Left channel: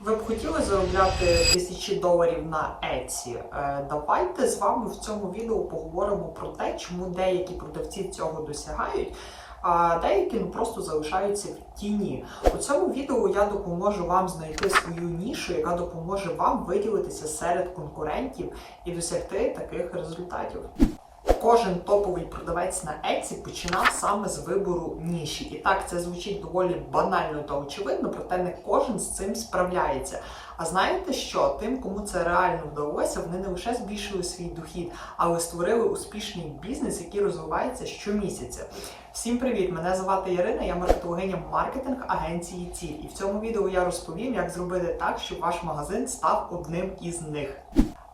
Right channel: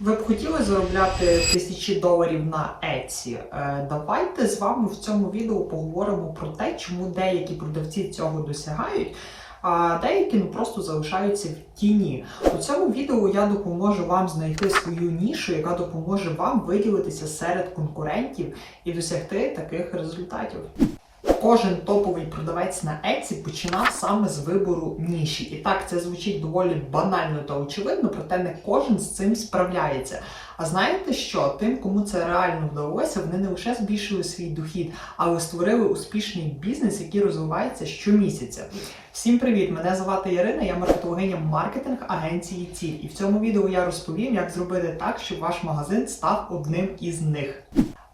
Ви б хотіли заробляти тисячі доларів на Etsy? Е, Давайте з вами в цьому відео поговоримо про те, чому деякі продавці цього досягають, а деякі ну просто залишаються в тіні. У цьому відео я допоможу вам знайти свою нішу, яка допоможе вам виділитися серед конкурентів і досягти таких результатів. Кожен топовий продавець на Etsy починав саме з вибору ніші. І так це звучить доволі банально та очевидно, проте не кожен з цим справляється. А знаєте що? Тим, кому це реально вдалося, вони не лише збільшили свій дохід, але створили успішний бізнес, який розвивається щомісяця. Всім привіт! Мене звати Ярина, я маркетологиня маркетинг агенції Ціль. І в цьому відео я розповім, як зробити так, щоб ваш магазин став одним із них.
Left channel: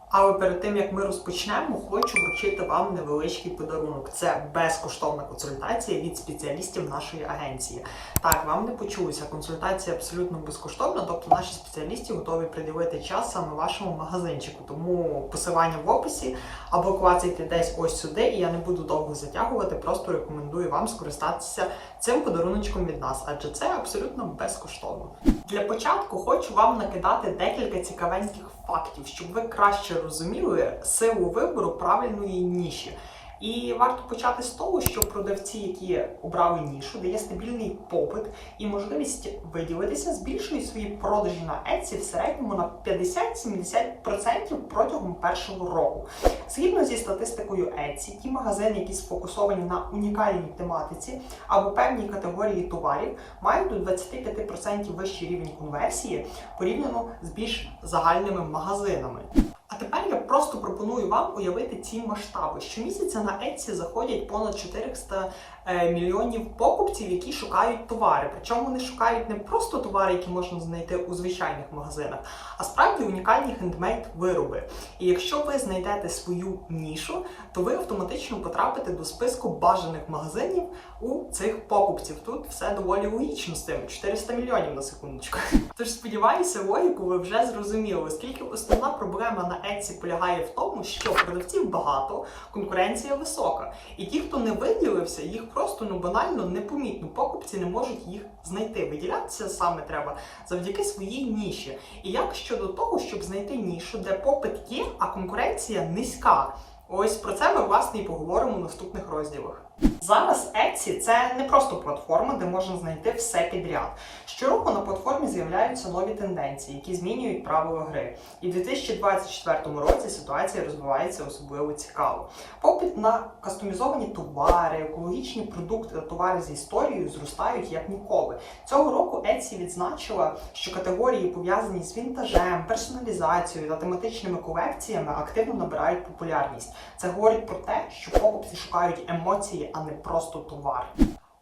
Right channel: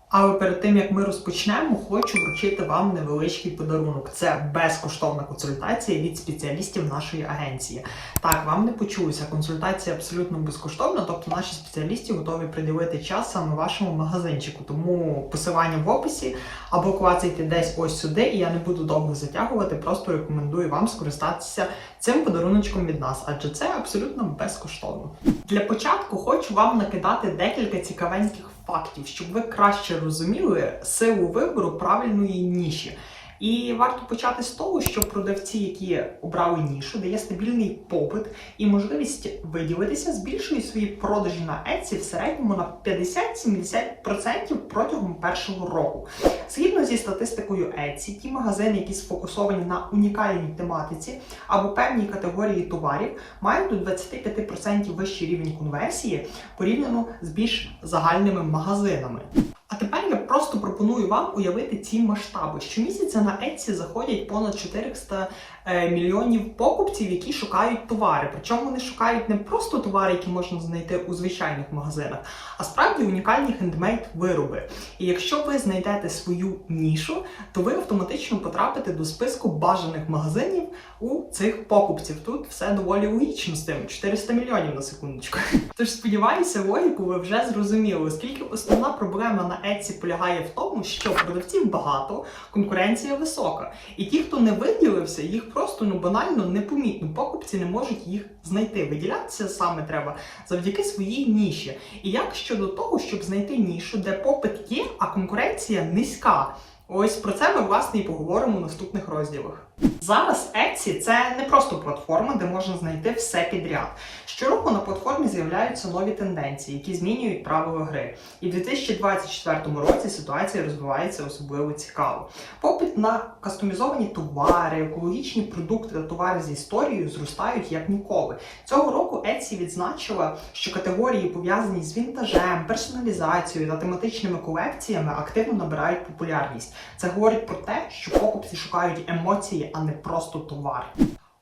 Але перед тим як ми розпочнемо, хочу вручити вам невеличкий подарунок. Це безкоштовна консультація від спеціалістів нашої агенції. Так, вам не почулося, консультація абсолютно безкоштовна, тобто наші спеціалісти готові приділити час саме вашому магазинчику. Тому посилання в описі або клацайте десь ось сюди, і я не буду довго затягувати. Просто рекомендую вам скористатися цим подаруночком від нас, адже це абсолютно безкоштовно. Для початку хочу вам накидати декілька цікавеньких фактів, щоб ви краще розуміли силу вибору правильної ніші. І варто почати з того, що продавці, які обрали нішу, дає стабільний попит і можливість виділитися, збільшують свої продажі на Etsy в середньому на 50-70% протягом першого року. Згідно зі статистикою Etsy, ті магазини, які сфокусовані на унікальній тематиці або певній категорії товарів, мають до 25% вищий рівень конверсії порівняно з більш загальними магазинами. А тепер просто пропоную вам уявити ці масштаби. Щомісяця на Etsy заходять понад 400 е, мільйонів покупців, які шукають товари. Причому вони шукають не просто товари, які можна знайти у звичайних магазинах, а справді унікальні хендмейд вироби. І якщо ви знайдете свою нішу, то ви автоматично потрапите до списку бажаних магазинів у цих покупців. Тут все доволі логічно з тим 400 мільйонів на секундочку. Тож сподіваюся, логіку ви вже зрозуміли, оскільки основна проблема на Etsy полягає в тому, що продавців багато, конкуренція висока. І ті, хто не виділився, їх просто ну банально непомітно. Покупці не можуть їх знайти. Виділятися саме треба завдяки своїй ніші. І як щодо того, щоб знайти нішу, де попит є, а конкуренція низька. Ось про це ми власне і поговоримо в наступних розділах. Зараз Etsy – це не просто платформа, де можна знайти все підряд. Щороку на платформі з'являються нові тенденції, які змінюють правила гри. І в 2024 році ситуація розвивається особливо цікаво. Попит на кастомізовані товари, екологічні продукти та товари з історією зростають як ніколи. Цього року Etsy відзначила, що категорії, пов'язані з вінтажем, персоналізацією та тематичними колекціями, активно набирають популярність. Це говорить про те, що покупці шукають емоції, а не просто товар.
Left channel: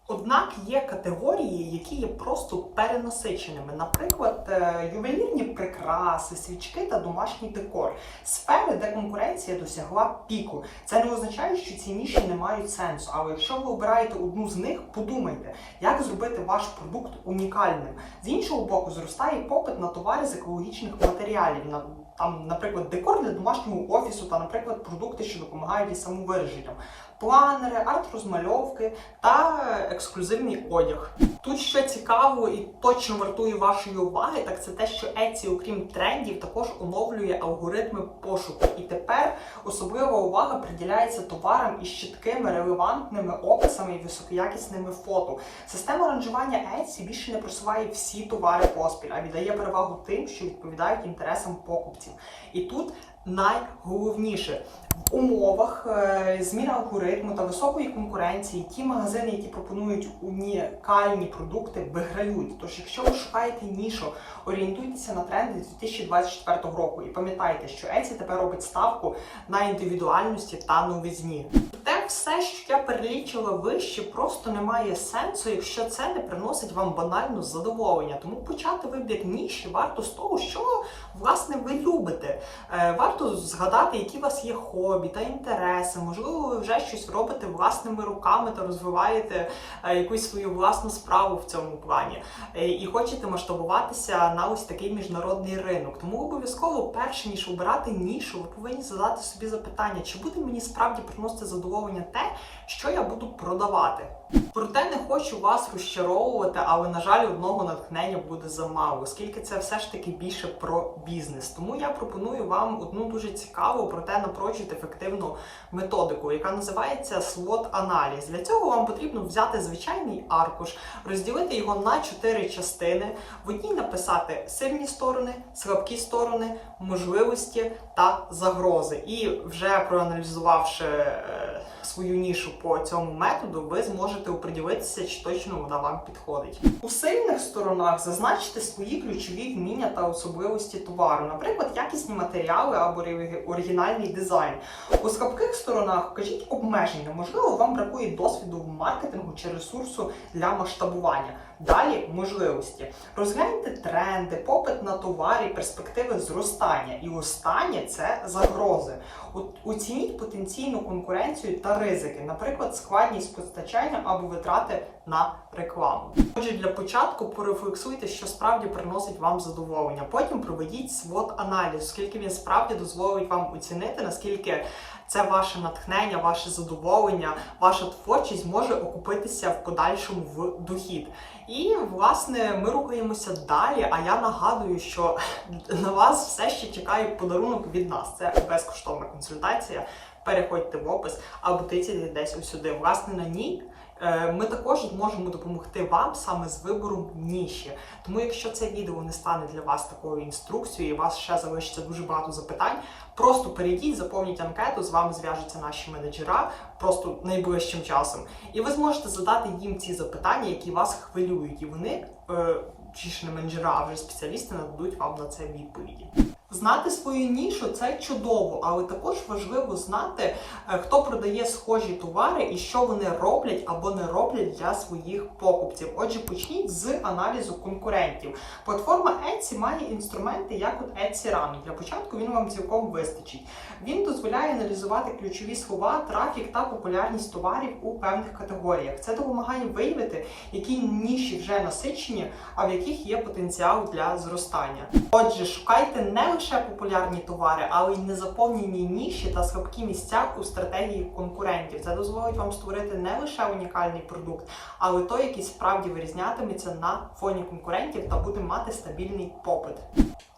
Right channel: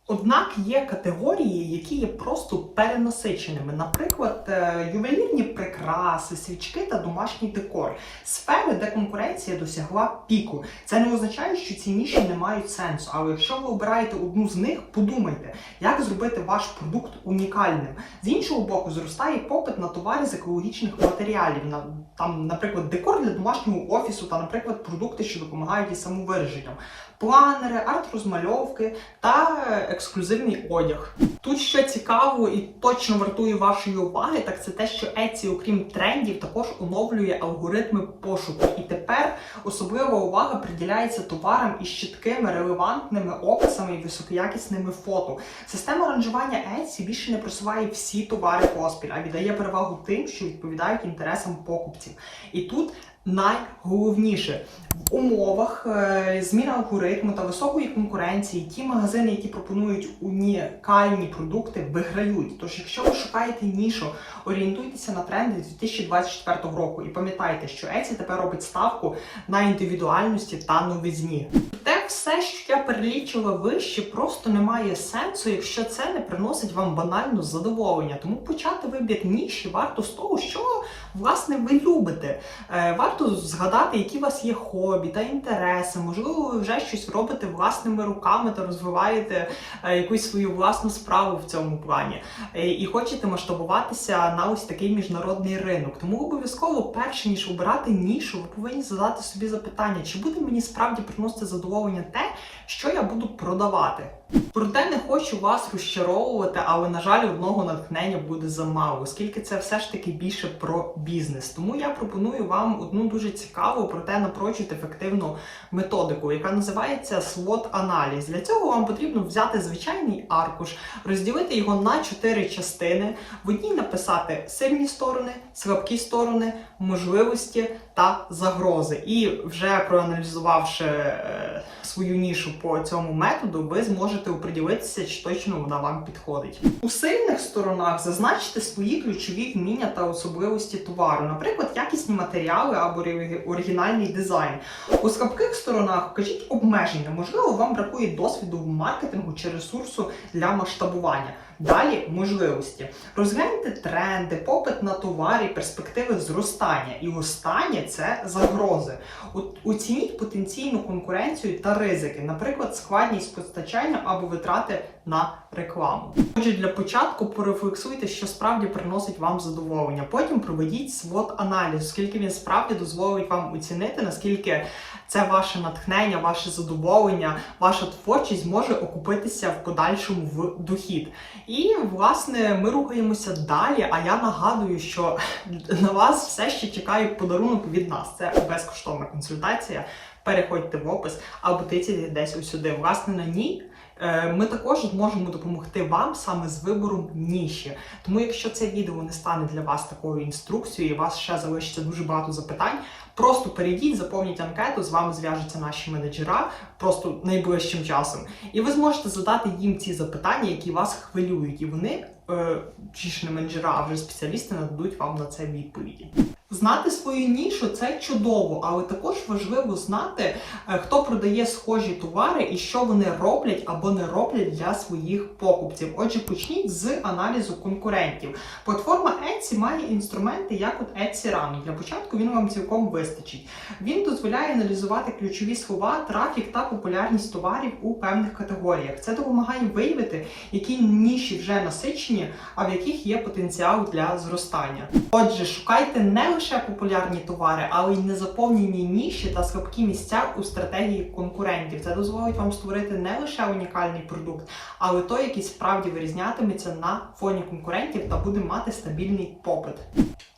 Однак є категорії, які є просто перенасиченими, наприклад, е, ювелірні прикраси, свічки та домашній декор, сфери, де конкуренція досягла піку. Це не означає, що ці ніші не мають сенсу. Але якщо ви обираєте одну з них, подумайте, як зробити ваш продукт унікальним. З іншого боку, зростає попит на товари з екологічних матеріалів, на там, наприклад, декор для домашнього офісу та, наприклад, продукти, що допомагають із самовираженням. Планери, арт-розмальовки та ексклюзивний одяг. Тут що цікаво і точно вартує вашої уваги, так це те, що Etsy, окрім трендів, також оновлює алгоритми пошуку. І тепер особлива увага приділяється товарам із чіткими релевантними описами і високоякісними фото. Система ранжування Etsy більше не просуває всі товари поспіль, а віддає перевагу тим, що відповідають інтересам покупців. І тут найголовніше в умовах е, зміни алгоритму та високої конкуренції ті магазини, які пропонують унікальні продукти, виграють. Тож, якщо ви шукаєте нішу, орієнтуйтеся на тренди 2024 року і пам'ятайте, що Etsy тепер робить ставку на індивідуальності та новизні. Все, що я перелічила вище, просто не має сенсу, якщо це не приносить вам банально задоволення. Тому почати вибір ніші варто з того, що власне ви любите. Е, Варто згадати, які у вас є хобі та інтереси. Можливо, ви вже щось робите власними руками та розвиваєте е, якусь свою власну справу в цьому плані. Е, І хочете масштабуватися на ось такий міжнародний ринок. Тому обов'язково, перше ніж обирати нішу, ви повинні задати собі запитання, чи буде мені справді приносити задоволення те, що я буду продавати. Проте не хочу вас розчаровувати, але на жаль, одного натхнення буде замало, оскільки це все ж таки більше про бізнес. Тому я пропоную вам одну дуже цікаву, проте напрочуд ефективну методику, яка називається swot аналіз Для цього вам потрібно взяти звичайний аркуш, розділити його на чотири частини. В одній написати сильні сторони, слабкі сторони, можливості та загрози. І вже проаналізувавши е, свою нішу по цьому методу, ви зможете оприділитися, чи точно вона вам підходить. У сильних сторонах зазначте свої ключові вміння та особливості товару, наприклад, якісні матеріали або ори- оригінальний дизайн. У слабких сторонах вкажіть обмеження. Можливо, вам бракує досвіду в маркетингу чи ресурсу для масштабування. Далі можливості. Розгляньте тренди, попит на товари, перспективи зростання. І останнє це загрози. Оцініть потенційну конкуренцію та ризики, наприклад, складність постачання або витрати на рекламу. Отже, для початку порефлексуйте, що справді приносить вам задоволення. Потім проведіть свот аналіз, оскільки він справді дозволить вам оцінити, наскільки це ваше натхнення, ваше задоволення, ваша творчість може окупитися в подальшому в дохід. І власне ми рухаємося далі. А я нагадую, що на вас все ще чекає подарунок від нас. Це безкоштовна консультація. Переходьте в опис або тицяйте десь ось сюди. Власне, на ній. Е, Ми також зможемо допомогти вам саме з вибором ніші. Тому, якщо це відео не стане для вас такою інструкцією, і у вас ще залишиться дуже багато запитань, просто перейдіть, заповніть анкету, з вами зв'яжуться наші менеджера просто найближчим часом. І ви зможете задати їм ці запитання, які вас хвилюють, і вони, е, чи ж не менеджера, а вже спеціалісти нададуть вам на це відповіді. Знати свою нішу це чудово, але також важливо знати, е, хто продає схожі товари і що вони роблять або не роблять для своїх покупців. Отже, почніть з аналізу конкурентів. Платформа Etsy має інструменти, як от Etsy Rank. Для початку він вам цілком вистачить. Він дозволяє аналізувати ключові слова, трафік та популярність товарів у певних категоріях. Це допомагає виявити, які ніші вже насичені, а в яких є потенціал для зростання. Отже, шукайте не лише популярні товари, але й незаповнені ніші та слабкі місця у стратегії конкурентів. Це дозволить вам створити не лише унікальний продукт, але той, який справді вирізнятиметься на фоні конкурентів та буде мати стабільний попит.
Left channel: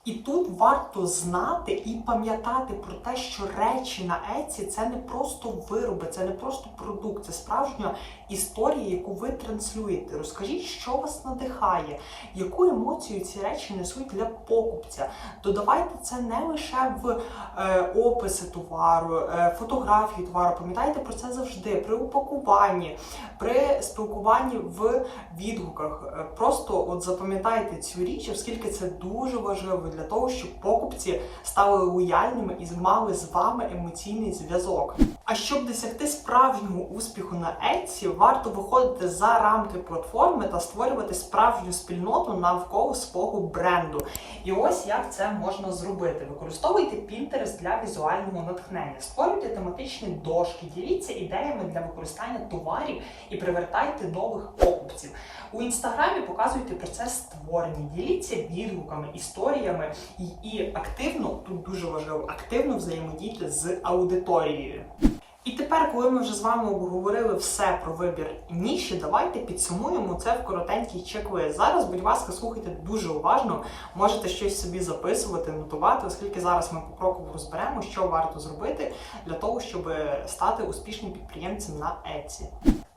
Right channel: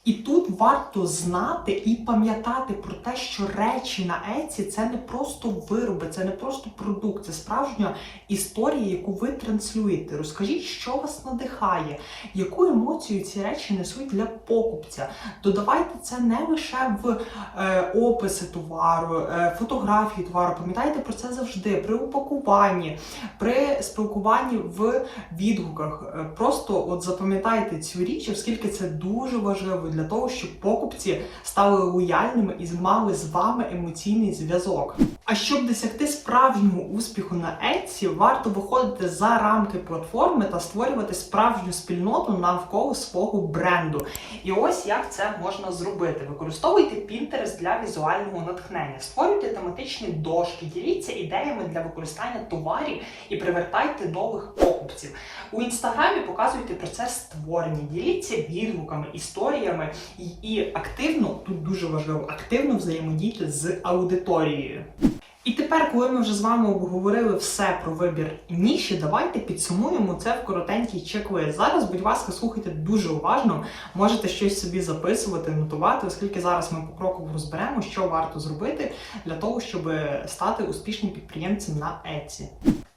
І тут варто знати і пам'ятати про те, що речі на Еці це не просто вироби, це не просто продукт, це справжня історія, яку ви транслюєте. Розкажіть, що вас надихає, яку емоцію ці речі несуть для покупця. Додавайте це не лише в е, описи товару, е, фотографії товару. Пам'ятайте про це завжди при упакуванні, при спілкуванні в відгуках. Е, Просто от запам'ятайте цю річ, оскільки це дуже важливо для того, щоб покупці стали лояльними і мали з вами емоційний зв'язок. А щоб досягти справжнього успіху на Etsy, варто виходити за рамки платформи та створювати справжню спільноту навколо свого бренду. І ось як це можна зробити. Використовуйте Pinterest для візуального натхнення, створюйте тематичні дошки, діліться ідеями для використання товарів і привертайте нових покупців. У інстаграмі показуйте процес створення, діліться відгуками, історіями і, і активно, тут дуже важливо, активно взаємодійте з аудиторією. І тепер, коли ми вже з вами обговорили все про вибір ніші, давайте підсумуємо це в коротенький чек-лист. Зараз, будь ласка, слухайте дуже уважно, можете щось собі записувати, нотувати, оскільки зараз ми покроково розберемо, що варто зробити для того, щоб стати успішним підприємцем на Etsy.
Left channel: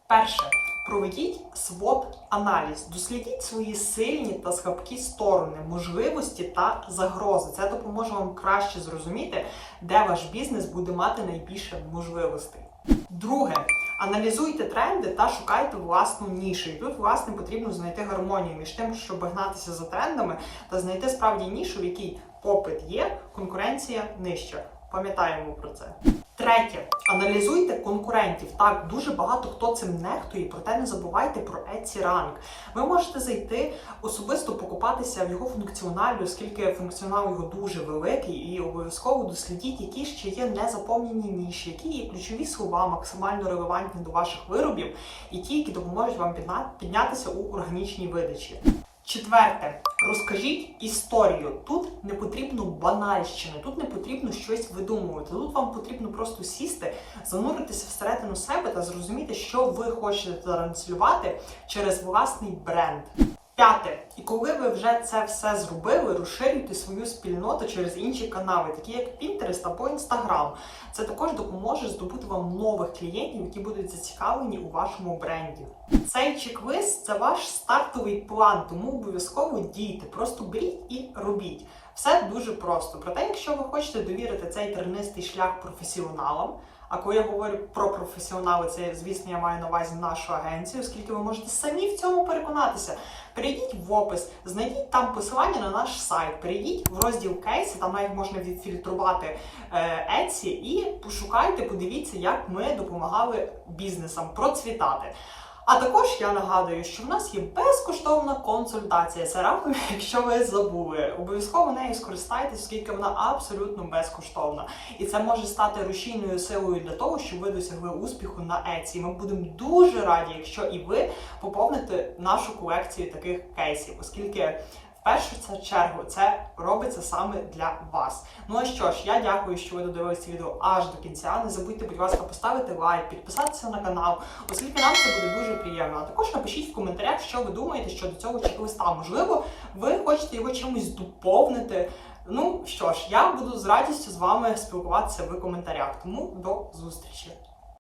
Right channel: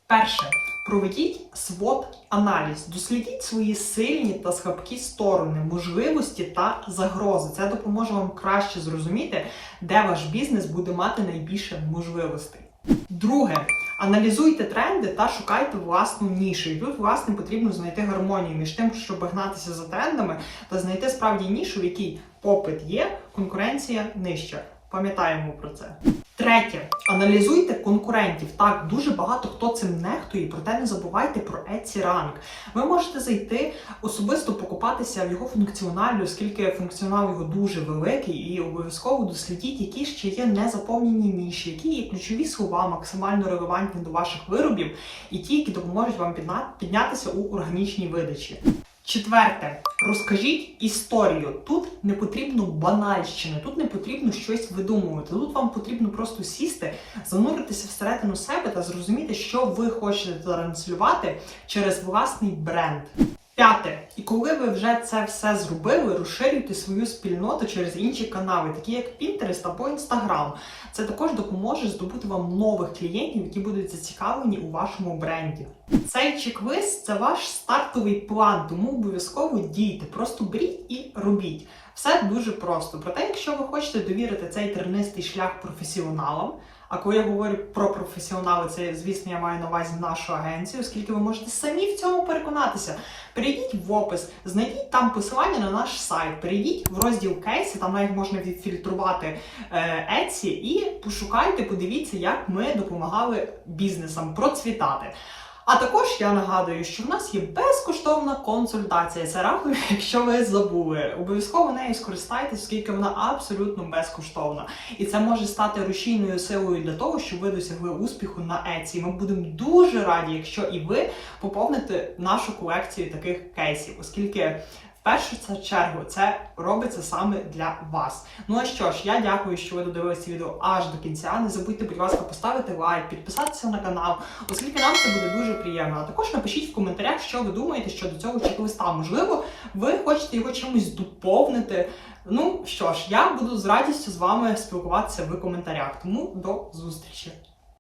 Перше. Проведіть свот аналіз, дослідіть свої сильні та слабкі сторони, можливості та загрози. Це допоможе вам краще зрозуміти, де ваш бізнес буде мати найбільше можливостей. Друге, аналізуйте тренди та шукайте власну нішу. І тут, власне, потрібно знайти гармонію між тим, щоб гнатися за трендами та знайти справді нішу, в якій попит є, конкуренція нижча. Пам'ятаємо про це. Третє, аналізуйте конкурентів. Так, дуже багато хто цим нехтує, проте не забувайте про Etsy Rank. Ви можете зайти особисто покупатися в його функціоналі, оскільки функціонал його дуже великий, і обов'язково дослідіть, які ще є незаповнені ніші, які є ключові слова, максимально релевантні до ваших виробів, і ті, які допоможуть вам піднятися у органічній видачі. Четверте, розкажіть історію. Тут не потрібно банальщини, тут не потрібно щось видумувати. Тут вам потрібно просто сісти, зануритися всередину себе та зрозуміти, що ви хочете транслювати через власний бренд. П'яте, і коли ви вже це все зробили, розширюйте свою спільноту через інші канали, такі як Pinterest або Instagram. Це також допоможе здобути вам нових клієнтів, які будуть зацікавлені у вашому бренді. Цей чек-лист це ваш стартовий план, тому обов'язково дійте. Просто беріть і робіть. Все дуже просто. Проте, якщо ви хочете довірити цей тернистий шлях професіоналам. А коли я говорю про професіонали, це звісно я маю на увазі нашу агенцію, оскільки ви можете самі в цьому переконатися. Перейдіть в опис, знайдіть там посилання на наш сайт, перейдіть в розділ кейси, там навіть можна відфільтрувати еці, і пошукайте, подивіться, як ми допомагали бізнесам процвітати. А також я нагадую, що в нас є безкоштовна консультація. Рахую, якщо ви забули. Обов'язково нею скористайтесь, оскільки вона абсолютно безкоштовна. І це може стати рушійною силою для того, щоб ви досягли успіху на Еці. Ми будемо дуже раді, якщо і ви поповните нашу колекцію таких кейсів, оскільки. В першу чергу це робиться саме для вас. Ну а що ж, я дякую, що ви додивилися відео аж до кінця. Не забудьте, будь ласка, поставити лайк, підписатися на канал, оскільки нам це буде дуже приємно. А також напишіть в коментарях, що ви думаєте щодо цього чек-листа. Можливо, ви хочете його чимось доповнити. Ну що ж, я буду з радістю з вами спілкуватися в коментарях. Тому до зустрічі!